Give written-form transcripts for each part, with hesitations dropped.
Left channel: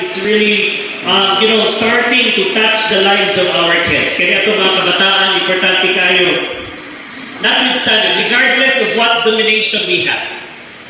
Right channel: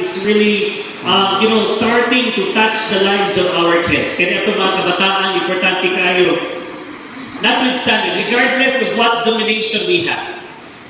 is really, starting to touch the lives of our kids. Kaya ito mga kabataan, importante kayo. Notwithstanding, regardless of what denomination we have,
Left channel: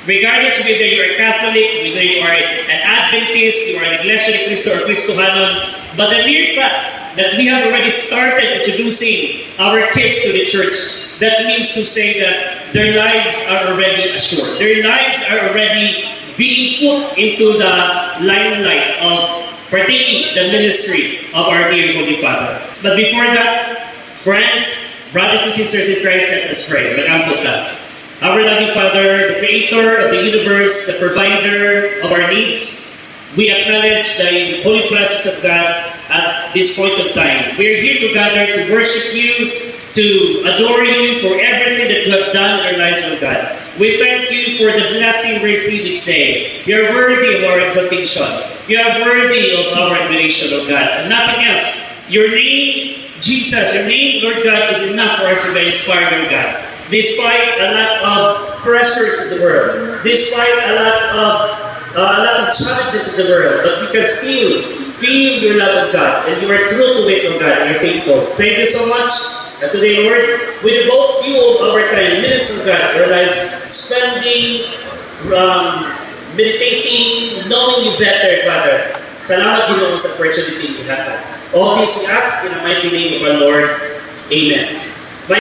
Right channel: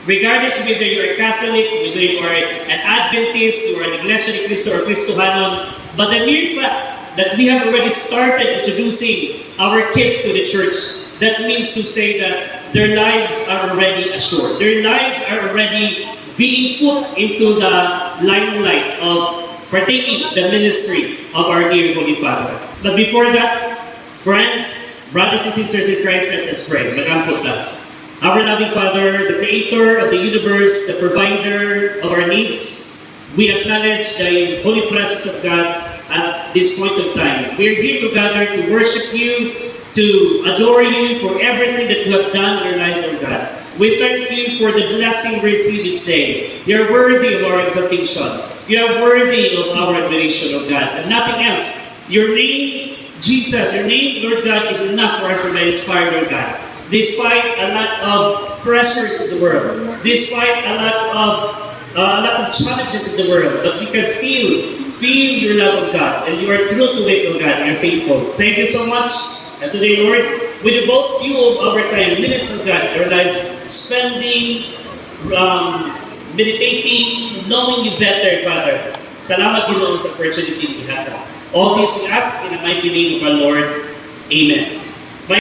regardless whether you are Catholic, whether you are an Adventist, you are an Iglesia ni Cristo or Cristohanon, but the mere fact that we have already started introducing our kids to the church, that means to say that their lives are already assured. Their lives are already being put into the limelight of partaking the ministry of our dear Holy Father. But before that, friends, brothers and sisters in Christ, let us pray. Mag-ampot na. Our loving Father, the Creator of the universe, the provider of our needs, we acknowledge the holy presence of God at this point of time. We are here to gather to worship you, to adore you for everything that you have done in our lives, O God. We thank you for the blessing we receive each day. You are worthy of our exaltation. You are worthy of our admiration, O God, and nothing else. Your name, Jesus, your name, Lord God, is enough for us to be inspired, Lord God. Despite a lot of pressures in the world, despite a lot of challenges in the world, but we can still feel your love of God, and you are true to it, Lord God, and you're faithful. Thank you so much. And today, Lord, we devote few of our time, minutes of God, our lives, spending, meditating, knowing you better, Father. Salamat Ginoo sa opportunity we have. All this we ask in the mighty name of our Lord. Amen.